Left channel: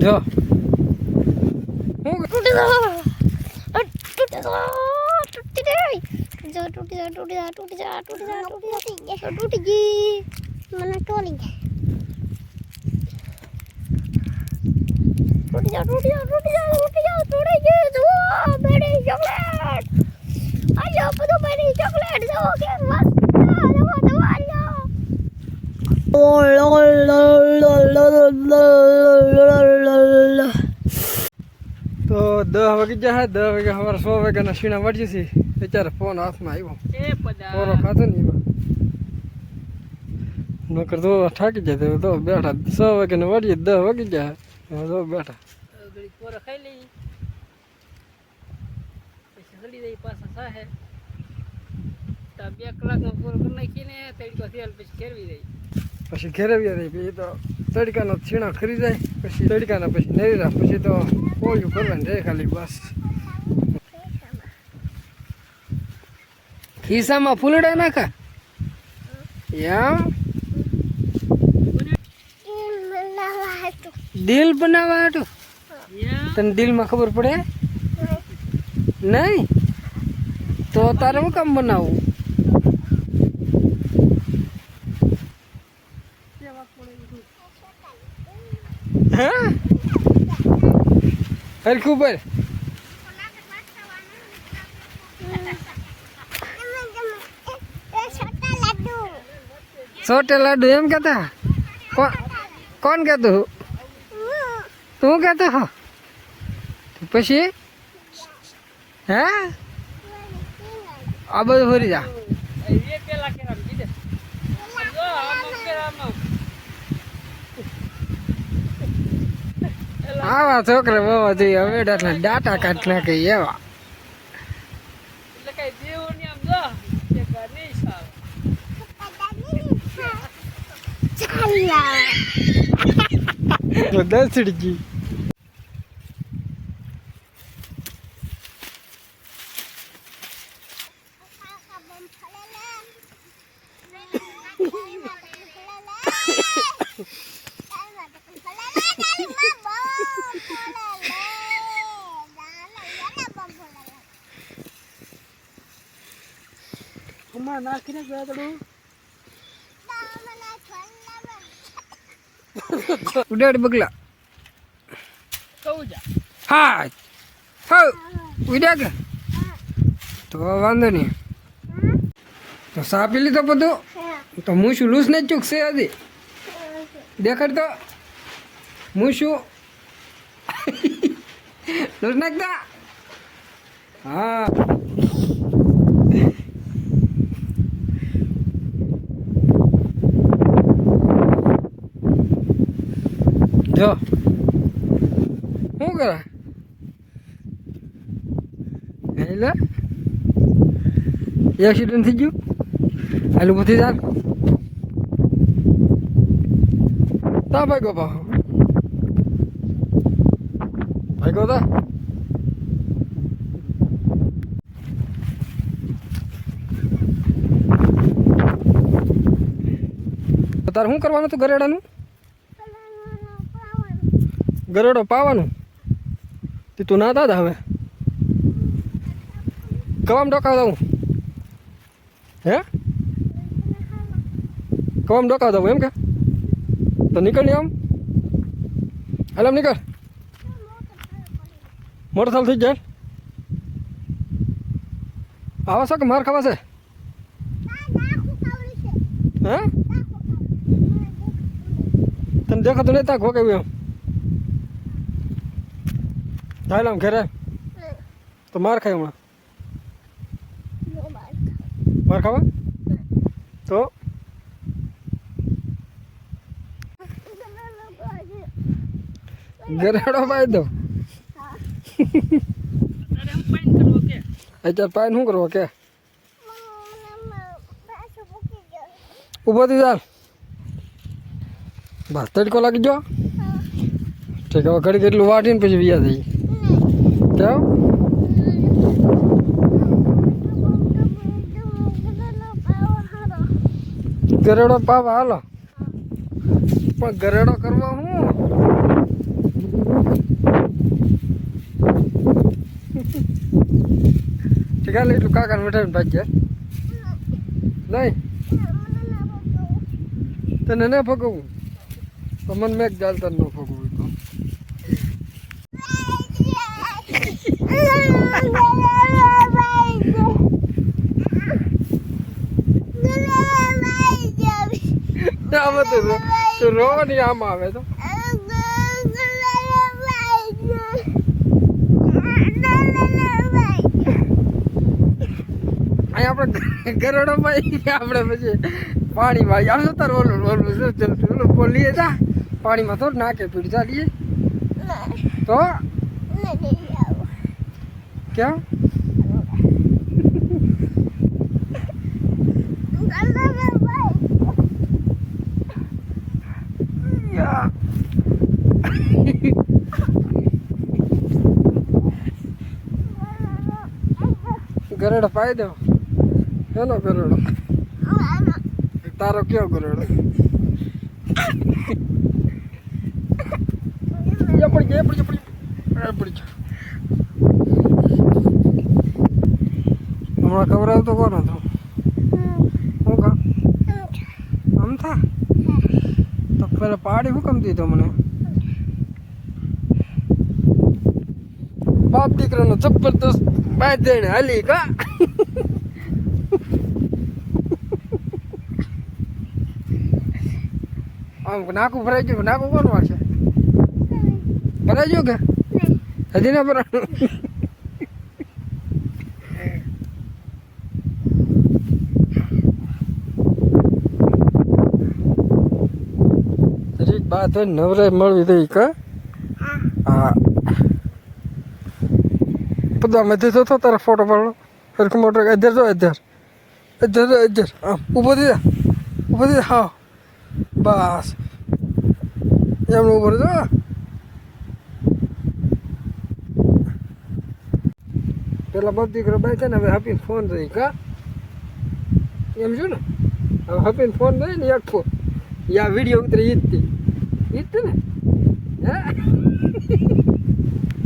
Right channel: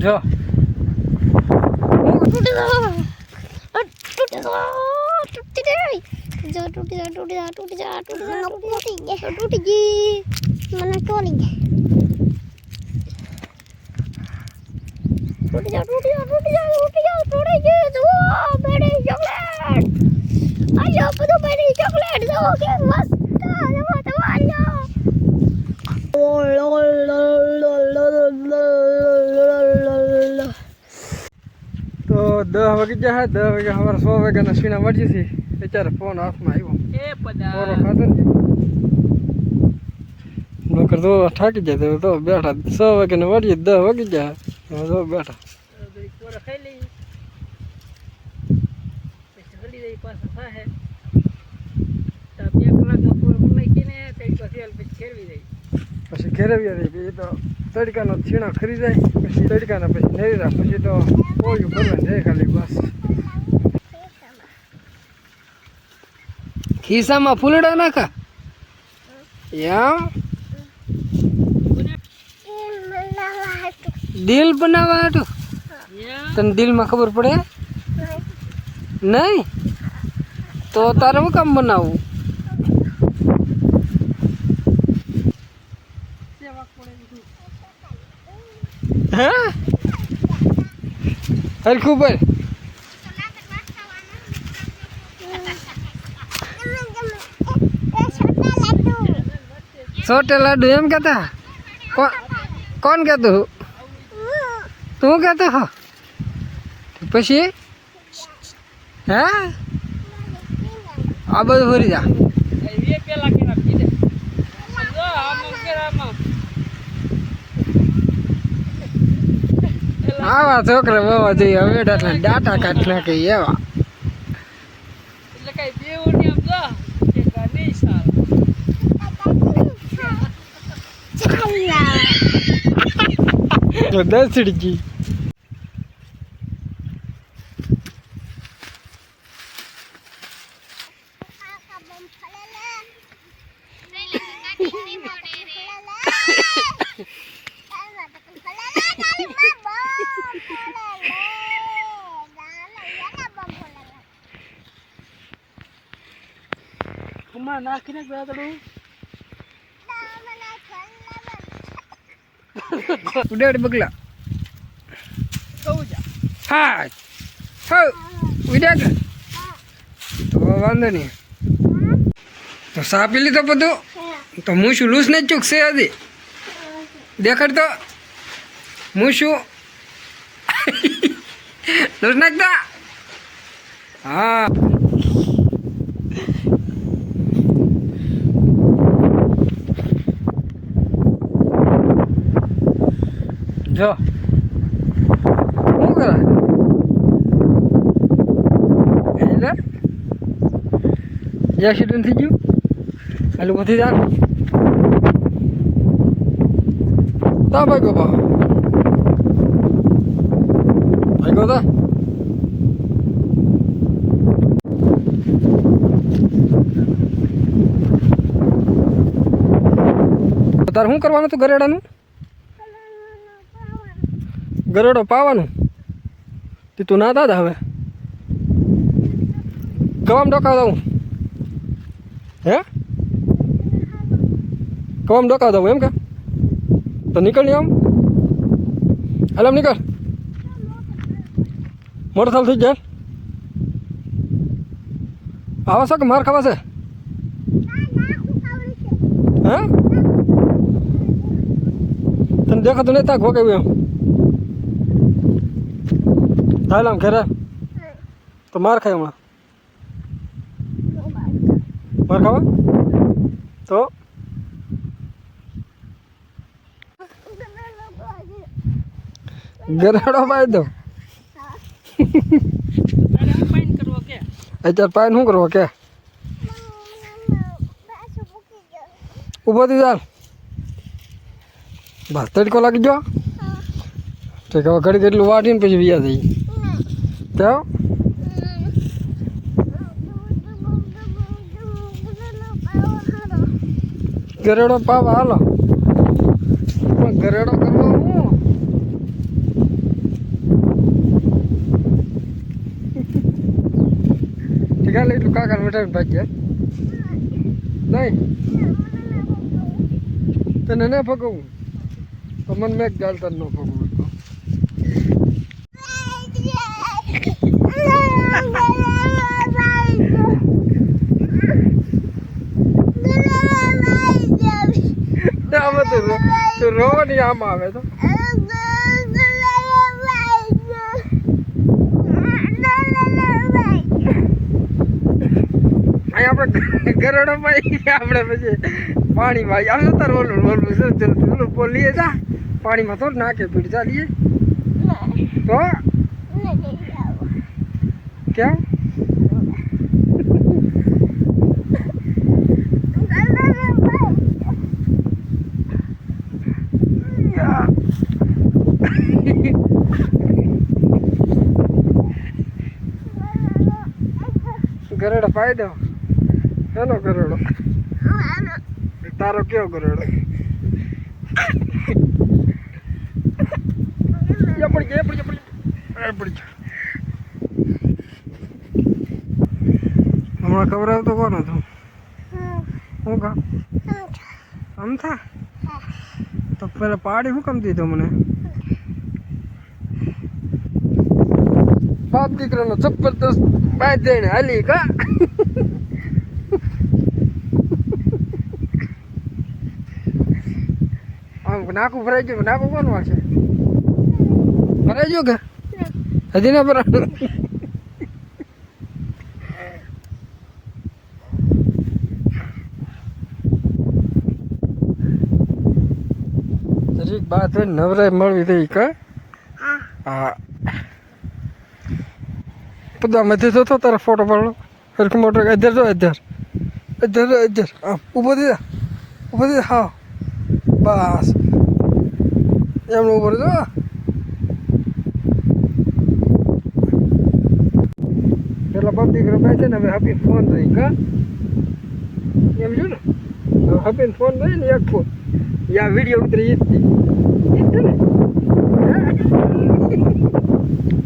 જો. તૂટી જાય તૂટી જાય તૂટી જાય તૂટી જાય તૂટી જાય તૂટી ગઈ મને તોડી ગઈ તૂટી જા તૂટી જા તૂટી જા તૂટી જા તૂટી ગઈ જુઓ બેડી ચોકલેટ આયો બધું બેડી ચોકલેટ જુઓ કે મસ્ત જુઓ જુઓ આયો તો દસ વાગી જાય દસ વાગે સવારે સો વાગ્યાના સીણા વળીએ છીએ અત્યારે ફોન હાથમાં આવ્યો એ પદા પોરો ખાતો ને નકર તો થાકી જાય તો બેઠા સો ને વળીએ દસ વાગી જાય તો બેઠા. ઘડી ખાઈ લઈ પછી જાય ઘેરવી રહી પછી તો તડકાનો છીણો ખરી જાય પછી તડકાના પછી નેરા પછી તો પોળિયું કરવાની રહે ખાલી બસ. ખિસ્સામાં ફૂલડા નાખા? એમ? દિલ બનાવવા હતું તને દિલમાં ખબર પડે? નહીં? તો તારે હું કામ બનાવવું હા? હરખું પર છોટે લાડુ એમ કહેતા? કોણ કોણ કહેતું? તું કહેતો હો. પછી? હે? આ બધું ફરી જા. આવા છોકરા બાવા જોઈએ હવે ડાટા કાઢ નાખે એવા. એટલે કઈ દેવું ને આમ જો કે કા નહીં સાવ તો દસડી ગઈ કુમાર નાખીને ગાદડું ઉડાડ બગલા. હો. ઉડાડ. તો વાંધો નહીં. તો સા પી લીધો બધું? તો હું શું લૂસ ને ચૂકશે હજી? દેખાડ તો. હું શું? લૂસ નાખતા? હા. જો શું કરે એટલે એક્સિડન્ટ થઈ ગયું હાલું નથી જા તા ભાઈ પા ભાઈ ગો તા તારે શું કરવાનું હતું ગરેડાનું ગરેડો પાવાનું. તે તું ના દાદા હવે. કવામ ડોકાવ દઉં હે? કવામ ડોકાવ દઉં એમ કે? તો નીકળ આમ. હાલ નીકળ. મોટર સાલ થઈ જાય. આવા છો કે માર ખાવા છે? હે? તને દેખાતું નહીં ત્યાં ખોકાવ્યું એમ. હાલ આમ ઘરે તો માર ખાય હમણાં? માર ખાવા? તો? ગરાડો પાઈ દો. અત્યારે પાઈ શું કરવો કે? ઊભો થઈ ચાલ બસ તડકો લાગી ગયો. ઠીક, હવે ઘડી કેટલું વાટીને પછી વ્યા થઈ કેવું ગરેડો પાવા હાલો. પણ ગરેડો કરવો હું? ઠીક, હાલ એટલું કાકા મીઠાઈ ભાગ જાય નહીં? તને ના ફગવું? તો મને મેં ચાલતા ન ફગવું. આમાં તો તો રોવાની આમ આવે તો. આપણે ગરડો આપણે પછી પાણીમાં આવશે તાર ઓલું ઓલું શું ઓલું બોલીએ જા. પાણીમાં થોડું નાખે પીડ ચાલીએ તો? કેમ ગરડો પાઈ દો હેલો ગરડો. તારો કયો ગરડો? પડી ગયો પડી ગયો, પડી ગયો. હમણાં ખબર આવતો કોણ હતો? હું કા આમ થા તો પેલા પાડી હું કમતી દીધો મને? બાપ દીકરાનો જબરદસ્ત બાદ જઈને હાલી કા? આમ નાકું ભરાઈ ગયું નાકું કોણ વાળશે ભરાઈ ગયું કે? હજી ના ભરાયું. બાદ નવરાય મળવી દેવી કા? હા. બધા મધ્ય થતો તારા ફોટો પાડો હરખું મોટો તો અધર અધ્યાર તો અધર આમ ઊભો થઈ જા ઊભો થઈ જા હા બસ એમનું ઉપર હા પેલા દીકરો બે છે ને હવે હાપી ફોન રહી કા એમ જો ને હવે હાપીને ફોન રહી ને એક ફોન યા વીડિયો ઉતરી ઈ જ હતી ઈ જ છે ને હે